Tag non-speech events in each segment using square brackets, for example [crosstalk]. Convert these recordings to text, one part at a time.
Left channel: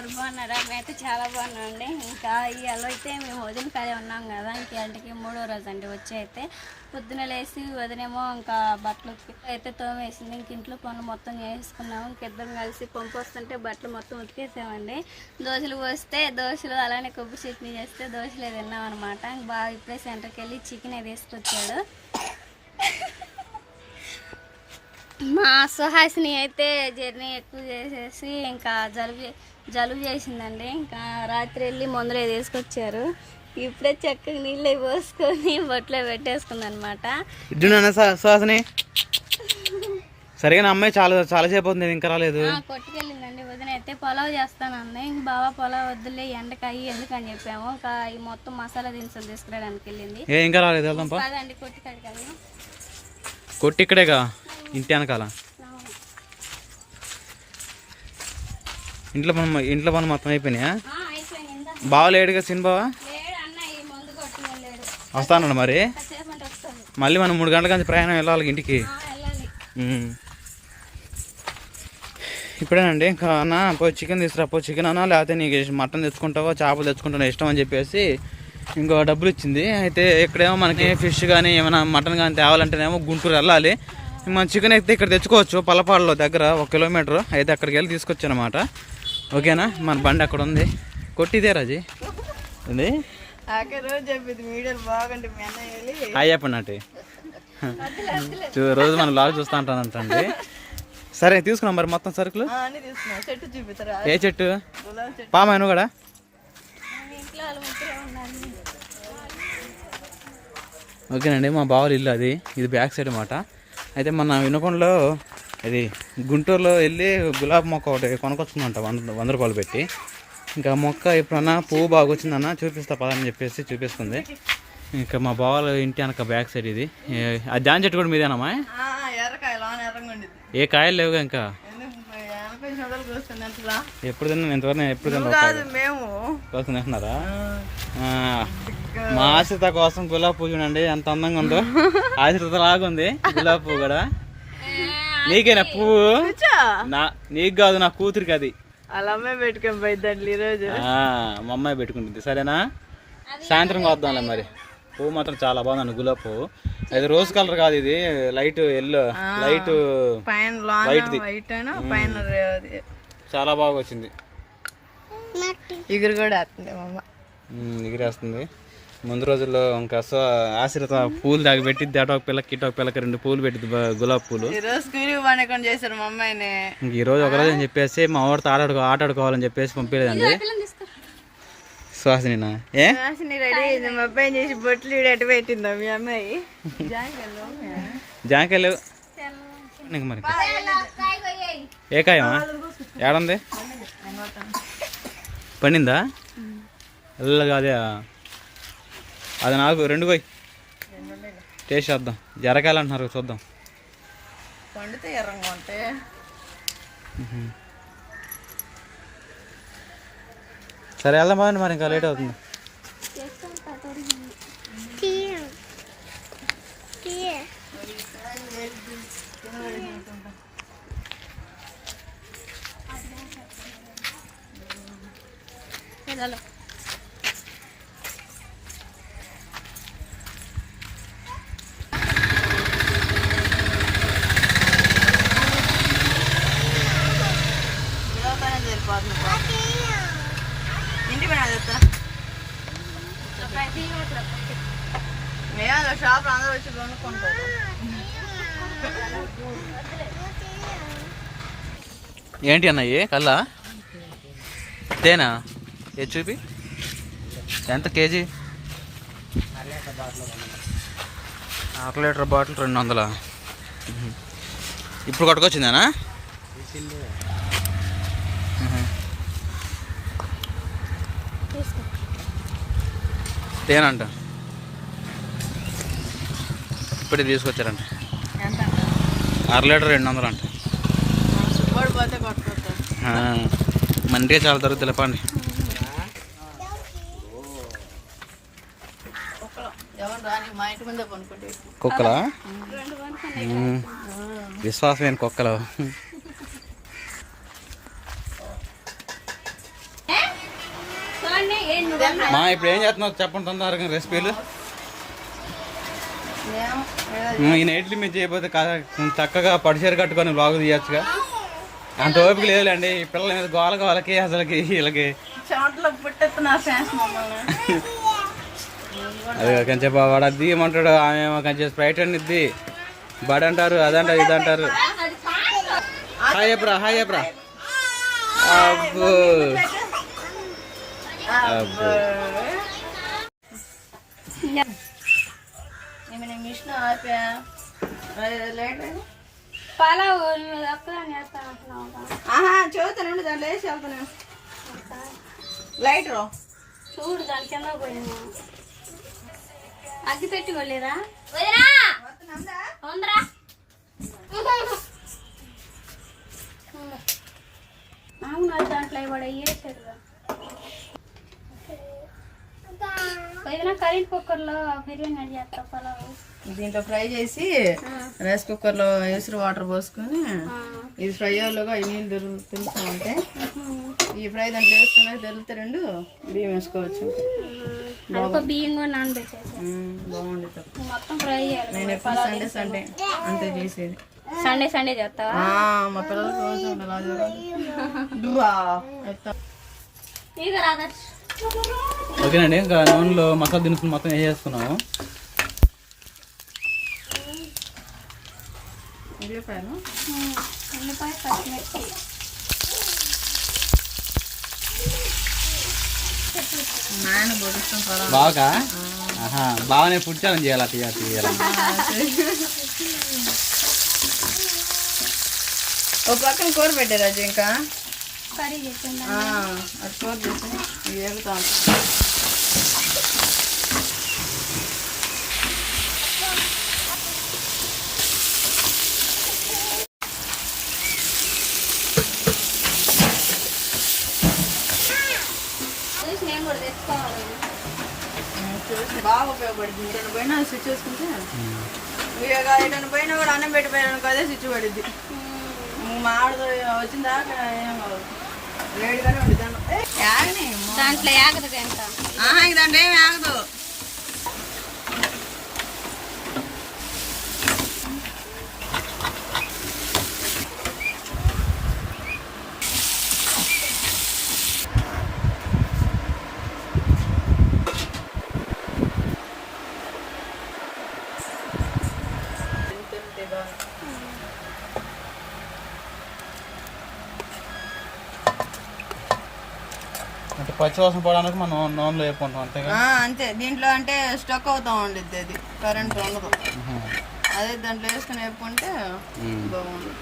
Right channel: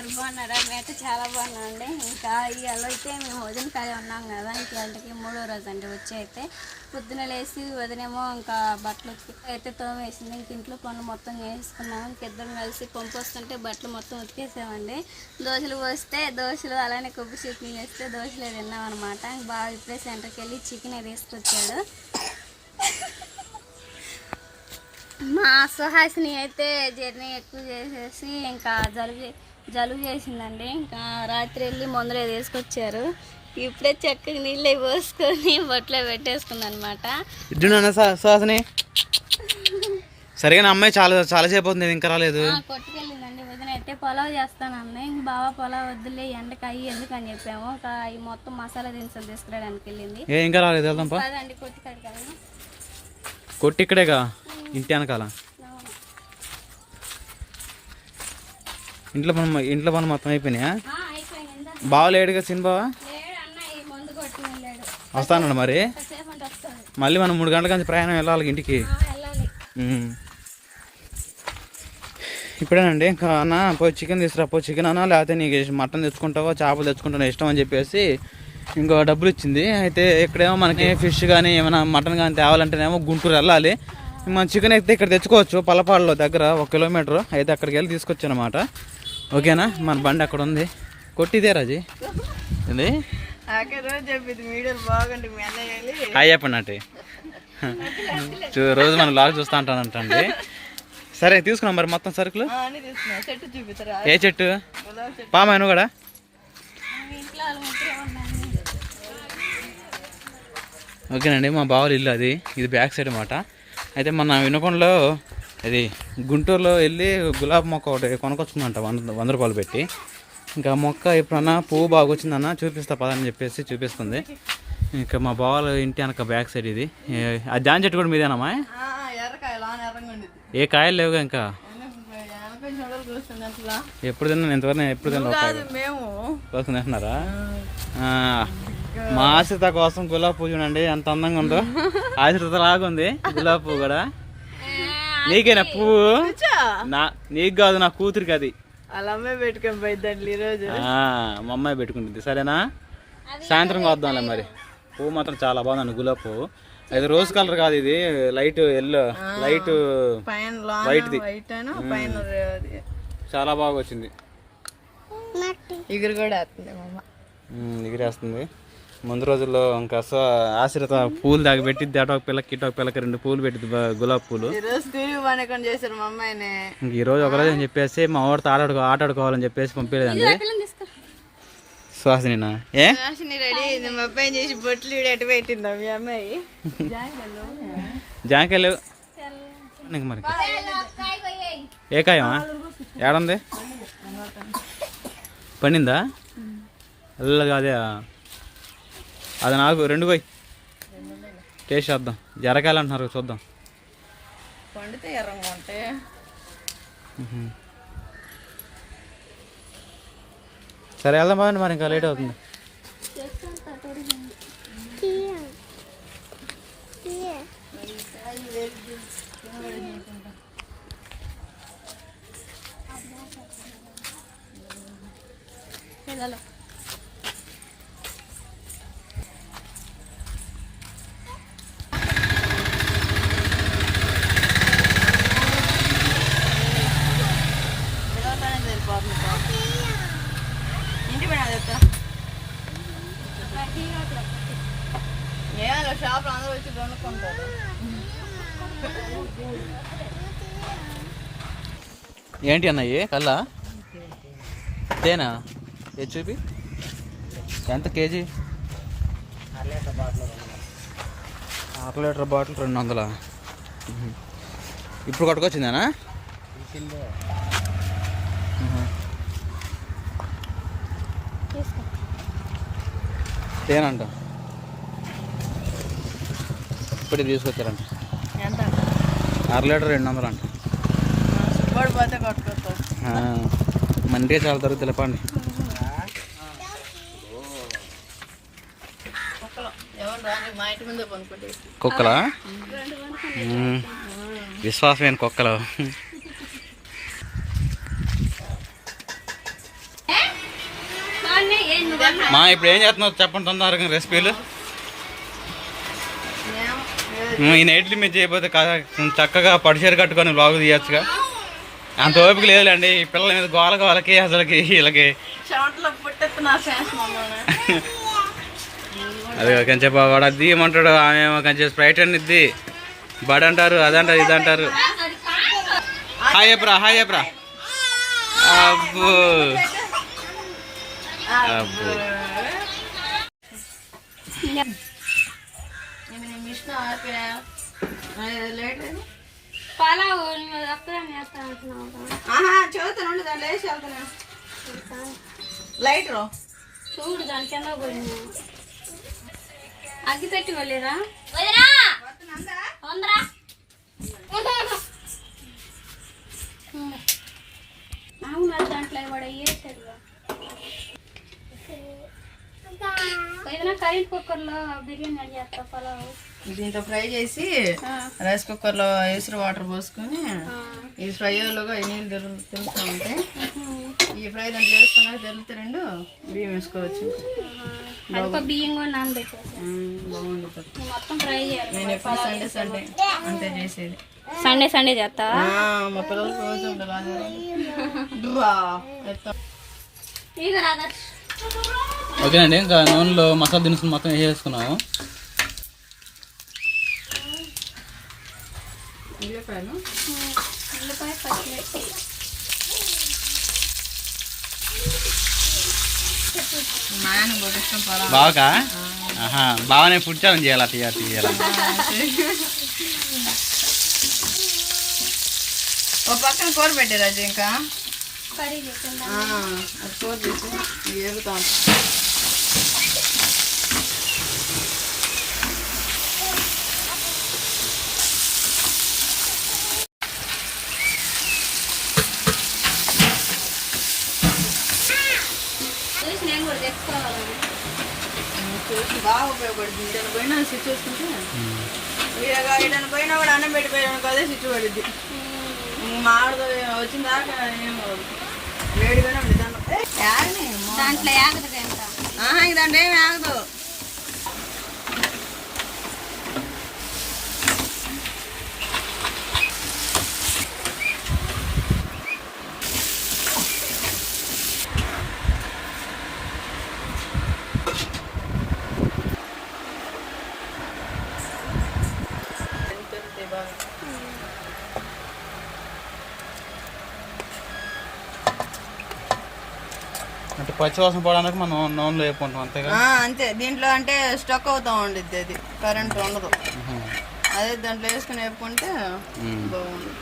అండి బాగున్నారా? మేమైతే చాలా బాగున్నామండి. ఇంకా ఇవాళ అయితే మేము వదిన కాలే ఉన్నాం కదా. ఇంకా ఇంటికి మూడో రోజు అండి వచ్చి అయితే. పొద్దున లేసి వదినేమో ఇంకా బట్టలు అయితే తోమేసింది. ఇంక ఇంట్లో పనులు మొత్తం చేసుకున్నాము ఇంకిద్దరం కలిసి పంపు వస్తుంటే బట్టలు మొత్తం ఉతికేసామండి. దోశలు పోస్తే దోశలు అలానే కొబ్బరి చట్నీ చేస్తే దోశలు తిన్నాం అనమాట బాగా ఇప్పుడే సెంటర్కి వెళ్ళి చికెన్ తీసుకొచ్చాడు. మా సుహాసిని అయితే జర్నీ ఎక్కువ చేసేసి ఇంకా జరిగే జలుబు చేసిందండి. ఇంకా రాత్రి వెళ్ళి మందులు తీసుకొచ్చారు ఇప్పుడే చక్కగా నీళ్ళు పోసుకొని [laughs] బొట్లో పెట్టేసుకుంది అనమాట సరిగా అమ్మాయి చాలా చాలా సేపు అవుతుంది ఇంకా రాలేదు. కొట్టుకెళ్ళిందండి. వదిన అయితే పొలావ్ చేస్తానండి ఇంక బాగా పొలావ్ వద్దులే ఎండకి అయ్యి ఎందుకు అని చెప్పాము. ఇంకా ఈ మొత్తం మసాలా దినుసులు తీసుకురావడానికి వెళ్ళింది. ఏ ఇంకా రాలేదు వెళ్దాం కొట్టి ఇక్కడేగా ఇంటి వెనకాల అవును. ఇంట్లో పని ఇంట్లో పని మొత్తం అయిపోయినాయా? బావా లేడు అన్న ఈ మందు కొట్టి వెళ్ళాడు. వస్తానన్నాడు మరి? మళ్ళీ మనం మూడు గంటల నుంచి ప్రయాణం వెళ్ళాలి ఇంటికి. ఇప్పుడేనండి ఇంకా అన్న పోయి చికెన్ తీసుకురా పో చికెన్ అన్నా లేకపోతే నీకు మటన్ తెచ్చుకుంటావో చేపలు తెచ్చుకుంటావో ఇష్టం అని చెప్పేసి ఇంకో డబ్బులు ఇచ్చింది. అయితే ఇక్కడేమో మనకి ఫిష్ కానీ ఏమైనా మటన్ కానీ తేవాలంటేనేమో గుంటూరు వెళ్ళాలి. మన చికెన్ అయితే ఇక్కడ తెచ్చుకోవచ్చు పల్లపాడులో దగ్గర ఒక కిలోమీటర్. అయితే అక్కడికి వెళ్ళి తీసుకొచ్చాను అనమాట ఓకేనా? మన బండి అక్కడ ఉంది. కొట్టిదే రాజీ. ఏంది? హాయ్ చెప్పండి అంటే రోజు మనం లాగ్ చూస్తూ ఉంటానంటండి సరే తీసుకున్నాం మరి మొత్తం సరుకులు? ఏ చెట్టు? పామాయి నువ్వు కూడా? ఓకేనండి మా బావల ఇల్లు అది. ఇది బ్యాక్ సైడ్ అన్నమాట. అయితే మన వినకొండలో ఇది గుంటూరులో వెళ్ళి గులాబీ మొక్క ఒకటి కొనుక్కొచ్చుకుందంట వంద వంద రూపాయలు పెట్టి. ఇంకా మొక్క ఎప్పుడన్నా పువ్వు బాగా వచ్చిందన్న చూపిస్తా పదని చెప్పేసి చూపిస్తుంది. ఇంకా మా బావల ఇంటి వెనక బ్యాక్ సైడ్ ఇది. ఆ జాన్ చెట్టు కూడా మీదేనమ్మా ఏ కాయలు లేవుగా ఇంకా? ఎప్పుడు తిన్నా ఎంతవరకు ఎప్పుడు తిన్నా కాదు మేము. కోసం తింటున్నారా? ఆ, మా ఆశ్రిత కోసం గులాబీ పువ్వు చూడండి ఎంత అందంగా ఉందో. [laughs] ఆశ్రిత లాగుంది గులాబీ పువ్వు కూడా. నీకేనా పువ్వు? నా నీకు కాదు నా కూతురికి అది. మా అమ్మాయి పెట్టుకుంటుంది. సరేనా? సాయంత్రం వద్దాంలే మరి. పువ్వు మాత్రం చాలా బాగుందండి గులాబీ పువ్వు. అది రోజ్ కలర్ కాదు ఇది లైట్ ఎల్లో లైట్ వైట్ది. చాలా బాగా వచ్చింది. ఎగురు కూడా ఎగిరేస్తుంది ముందు రోజుల్లో ఇంకా సో ఆశ్రిత పూలు దాకా పెట్టిద్ది అటు ఒక పిల్లకి ఇటు ఒక పిల్లకి రెండు పూలు పెట్టిద్ది బ- గులాబీ పూలు. చేశారు మా అమ్మాయిని. ఇంక ఈ రోజు ఒకరోజు అని చెప్పేసి మా వాడితో ఆడాడుకో ఆట ఆడుకోవాలని చెప్పేసి పంపించలేదండి. సుహాసినినా? ఏ? మా చేసి బొట్లు ఈడ అటు పెట్టిందా మీ అమ్మాయి? జాంకాయలు మరి. ఏ కాయమా? ఏడుంది? పండిందా? ఎల్ల కాదే అది నాకు రెండు పోయి. టేస్ట్ చేద్దాం. అంటున్నారు చూద్దాం. పండితే ఎర్రంగా ఉంటాయి సరే వెళ్దాం బాగుంది మరి ఇంకా లేట్ అవుతుంది. పిల్లలు పిల్లలతోనే సరిపోతుంది పాపం. ఇంటి పని అది చెప్తా ఏమో షాప్ అందరూ వచ్చి కొనుక్కుంటారు ఏంటి అన్నయ్యి కల్లా? తేనా ఏ చూపి? ఎంత కేజీ? అర లీటర్ బాటిల్ రెండు వందల? ఇప్పుడు కొట్టుకొచ్చిందేనా. తేనంట ఇప్పుడే తీసుకొచ్చారంట. అర లీటర్ రెండు వందలు అంట మండిగా చాలా తరుగు తెలపండి కుక్కలా. విశ్వాసమైన కుక్కలు? మా ఇప్పుడు ఏం చేస్తున్నావు చెప్పండి తొందరగా రెసిపీలు. ఈ నైట్లు మీరు చేయకపోతే కా- చక్కగా పడిచేరు కట్టుకొని బ్లాగ్ తీయచ్చుగా. అంత ఓపిక లేదులేండి. ఈ పిల్లల మీద గోల గోలకి అసలుకి వీళ్ళకి. అది కొంచెం వాడు అది తీయమంటాడు. ఆమె కొంచెం స్ప్రైట్ అని ఇద్ది. బడ్ అంటారు అదంటారు ఇది అంటారు. హాయ్ చెప్పరా హాయ్ చెప్పరా అబ్బో. అబ్బో. మిషన్ ఆపా లేట్ పలావ్. ఆహా చదువుతాను ఉండి దాంట్లో వేసి వెళ్తాను చూడు దాని కింద పోయింది. అగ్గి పెట్టి వెళ్ళిరా అవును దాంట్లో కరెంట్ కుక్కర్లో బిర్యానీ చేస్తా పలావ్? దీంట్లో ఫ్రై చేసి రైస్ కుక్కర్లో వేసి వాటర్ పోసుకొని. ఇది ఫ్రై అయ్యేలోగా ఈ నీళ్ళు తెలు తెలుస్తూ ఉంటాయి. ఈ ఫ్రై దాంట్లో వేసుకున్నాక తెలితే రెండు బియ్యం వేసుకోవచ్చు. చేయాలి. నేను ఎప్పుడు సండే సండే అంతే చేసేది. సండే సండే చేస్తా ఆ, మా పిల్లలకి రోజు ఓకేనండి ఇంకా నూనెలో మసాలా దినుసులు మొత్తం వేసేసుకున్నాము. ఉల్లిపాయలు? ఉల్లిపాయ పచ్చిమిర్చి బాగా? ఆహా బాగానే ఫుడ్ ఛాలెంజ్ చేయాలి అట్లా తీయాలి ఓ పక్కన కూర పెట్టారు అది ఇంకా. కర్రీ చేసిందా ఆ, అది కూర చేసి ఇవి వేగుతా ఉంటాం చూసి నేను కూడా తెచ్చుకోవాలి చూసి బాగా ఉపయోగపడుతుంది నేను పోయినా స్విచ్ చూసుకుంటే ఇక ఎటైనా పోయినా కూడా అన్నం పెట్టిపోయాను అదే స్విచ్ పడుద్ది. మా ఆడదో వచ్చిన దాకా ఏం కాదు వేడిగానే ఉంది దాంట్లో ఏ. దాంట్లో ఇది దాంట్లో ఏమి ఆగదు. అంటే పచ్చివాసన పోవడానికి మనం నూనెలో వేపుకుంటాం అంతేగా? ఆ, అంతే. దీంట్లో అంటే స్టక్ అవుతా ఉండిద్ది అది. కరెంట్ ఉండదు. అదే దాంట్లో వేసుకుని వేపుకుంటే. బాగుంది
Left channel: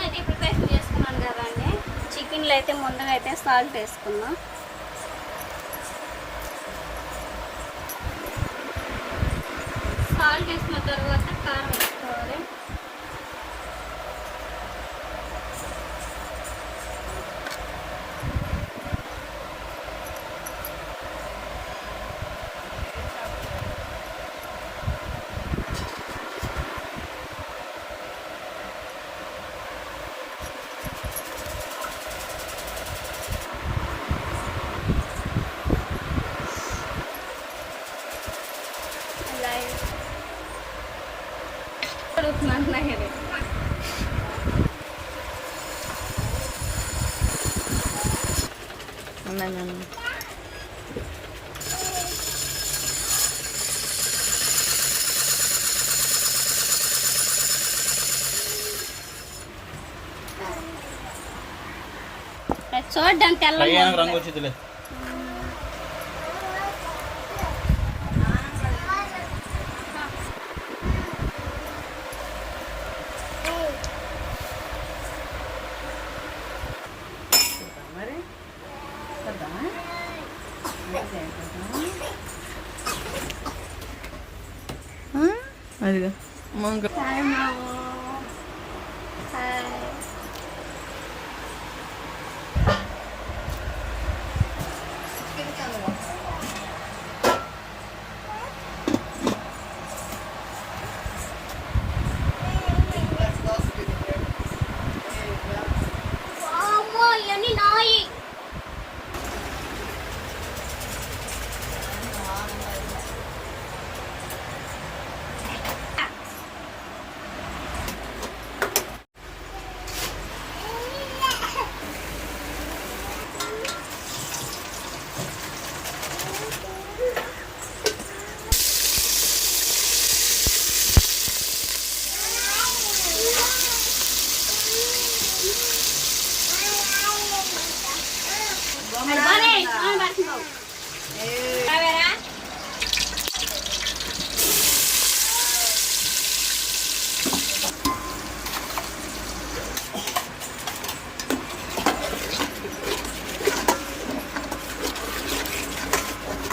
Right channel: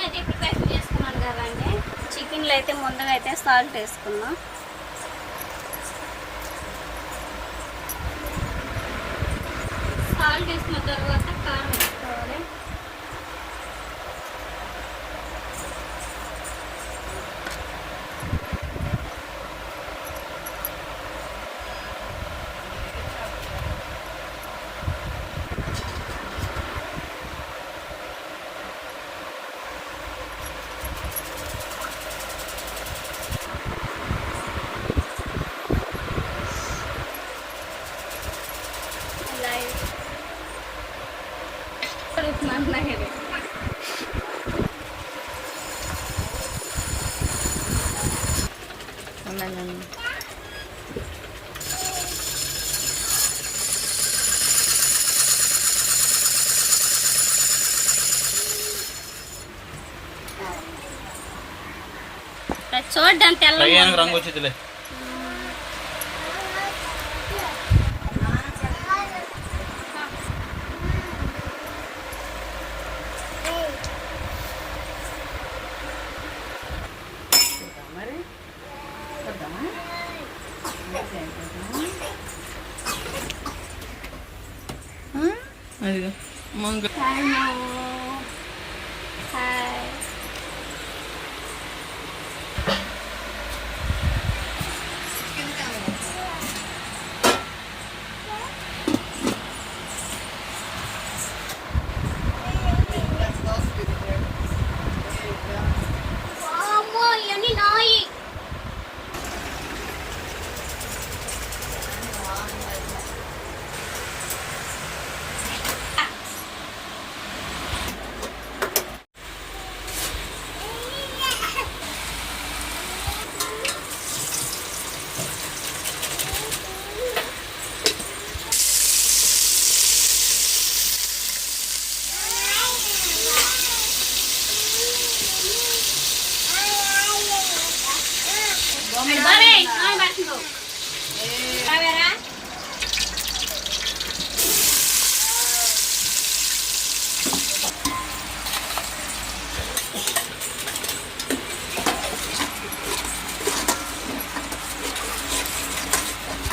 అయితే ప్రిపరేషన్ చేసుకున్నాను కదండి చికెన్లో అయితే ముందుగా అయితే సాల్ట్ వేసుకుందాం. సాల్ట్ వేసిన తర్వాత కారం అది చూడ్డానికి ఫ్రై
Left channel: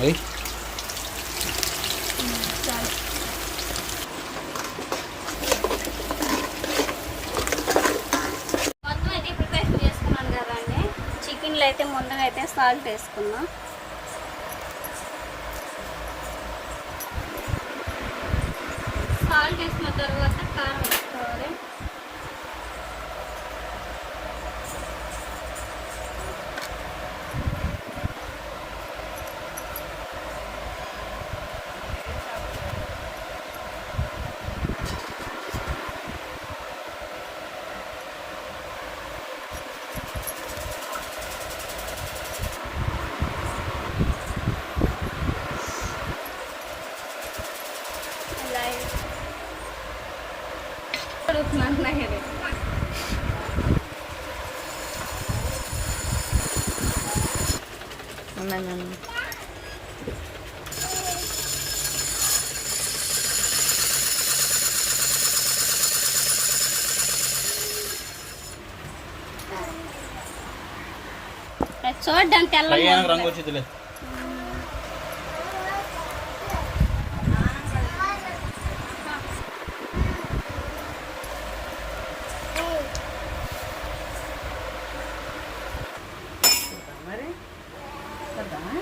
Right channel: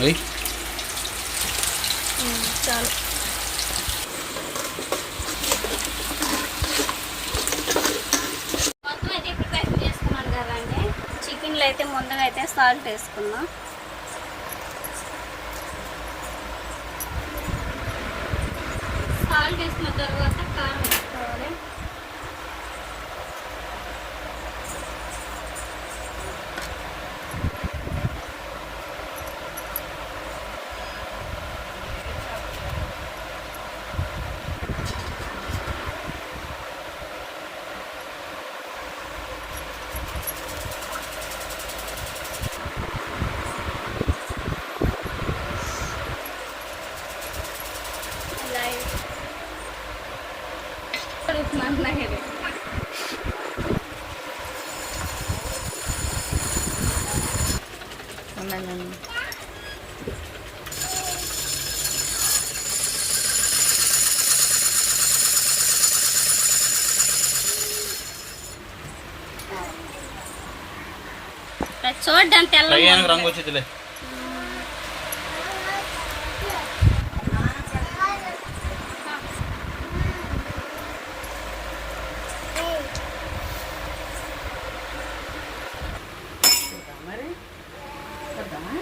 వెయ్యి మొత్తం అయితే చికెన్లో అయితే ముందుగా అయితే సాల్ట్ వేసుకుందాం. చూడడానికి తెల్ల కయ్యానికి రంగు వచ్చిందిలే మరి చేద్దామా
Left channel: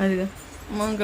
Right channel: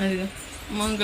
అదిగో మంగ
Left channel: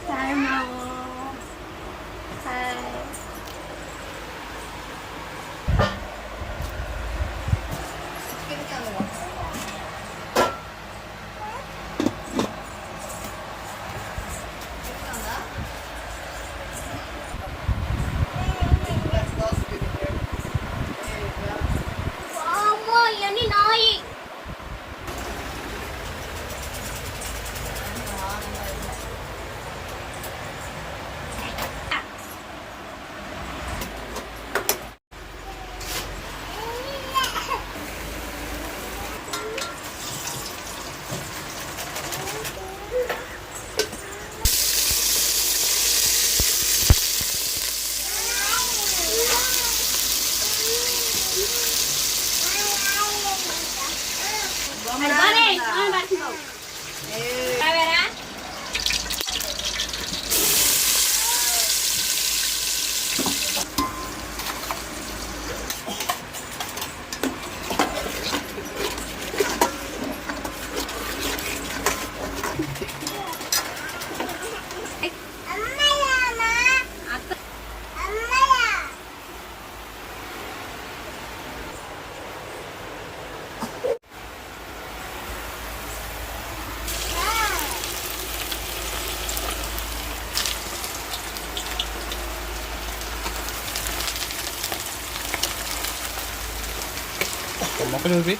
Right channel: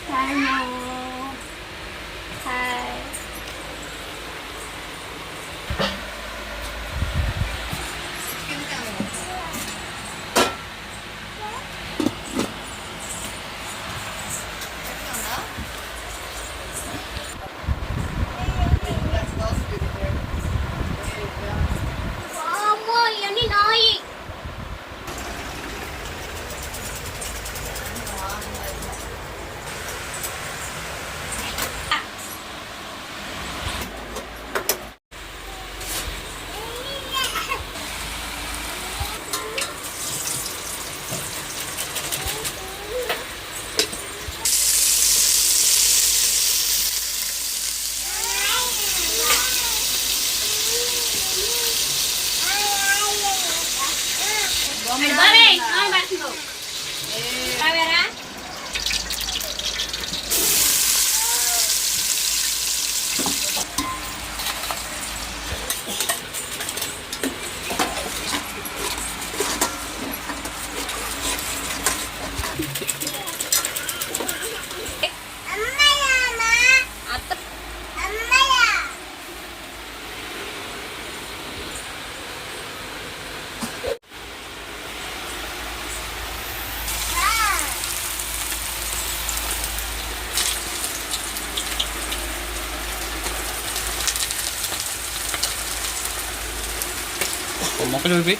మొక్కలు చూపి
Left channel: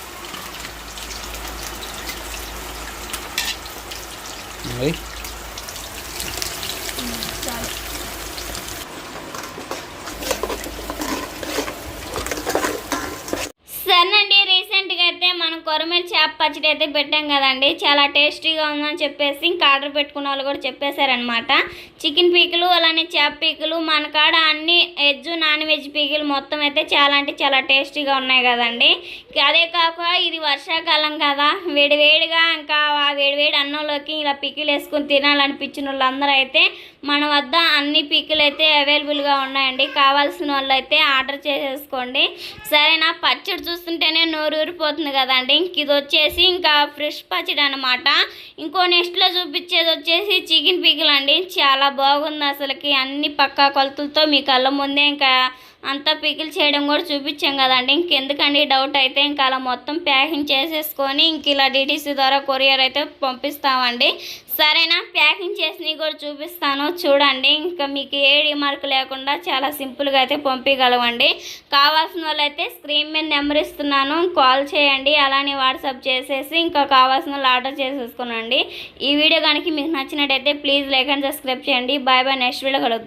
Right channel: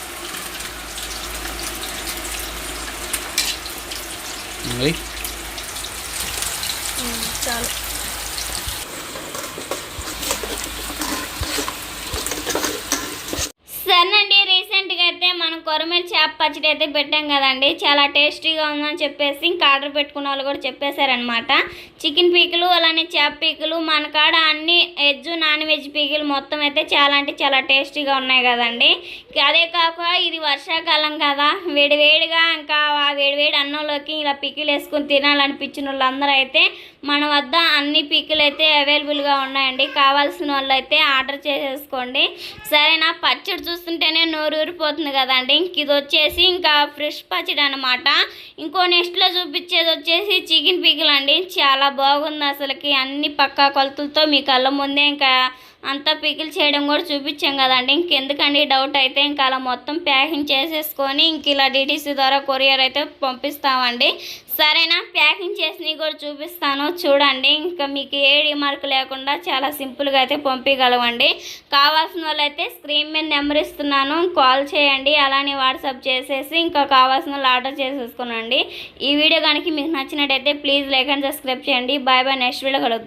వెయ్యి చాలు సరేనండి రీసెంట్గా అయితే మనం కొరమేలు చేప పచ్చడి అయితే పెట్టాం కదండి. చాలా టేస్టీగా ఉందని చెప్పేసి ఇంకా ఆర్డర్ పెట్టుకున్న వాళ్ళు కూడా చెప్పేశారనమాట చికెన్ పీకులు అలానే చేప పీకులు మన కాడ అన్ని వెజ్ నాన్ వెజ్ పీకులు మొత్తం అయితే చాలా అంటే చాలా టేస్టీగా ఉన్నాయి కదండి. అదే కాక ఇది వర్షాకాలం కదా. వేడివేడిగా ఇంకా ఆ వేడి అన్నంలోకి ఇలా పికిలు వేసుకొని తినాలనిపించిన వాళ్ళందరూ అయితే మన వద్ద అన్ని పీకులు అయితే అవైలబుల్గా ఉన్నాయండి. కావాల్సిన వాళ్ళు అయితే ఆర్డర్ చేసేసుకోండి. సరేనా? పచ్చడి చూస్తుంటేనే నోరు ఊరిపోతుంది కదండి. ఇంక ఇది వచ్చేసి ఇంకా ఫ్రెష్ పచ్చడి అనమాట ఇంకో నెక్స్ట్లో చూపించేది వచ్చేసి చికెన్ పీకులు అండి చాలా బాగుంది అసలుకి. అన్ని పక్కా కొలతలతో మీ కళ్ళ ముందే ఇంకా అంతా పికిల్ చేయడం కూడా చూపించాం కదండి. ఇంకెందుకండి డౌట్ అయితే ఇంకా అలా మొత్తం ప్యాకింగ్ చేసేసుకొని ఇంక ఇలా డిటీసీ ద్వారా కొరియర్ అయితే పంపిస్తామండి. సరేనా? ప్యాకింగ్ చేసినవి కూడా చూపిస్తాను. చూడండి ఇంకా మీకు ఏ రిమార్క్ లేకుండా చాలా సింపుల్గా అయితే పంపించగలవండి కావాల్సిన వాళ్ళైతే స్క్రీన్ మీద నెంబర్ ఇస్తున్నాను. కాల్ చేయండి. అలానే వాట్సాప్ చేసేసి ఇంకా కావాల్సిన వాళ్ళు ఆర్డర్ చేసేసుకోనండి. ఈ వీడియో కనుక మీకు నచ్చినట్టయితే ప్లీజ్ లైక్ అండ్ సబ్స్క్రైబ్ చేయండి. బాయ్ బాయ్ నెక్స్ట్ వీడియో కలుద్దాం.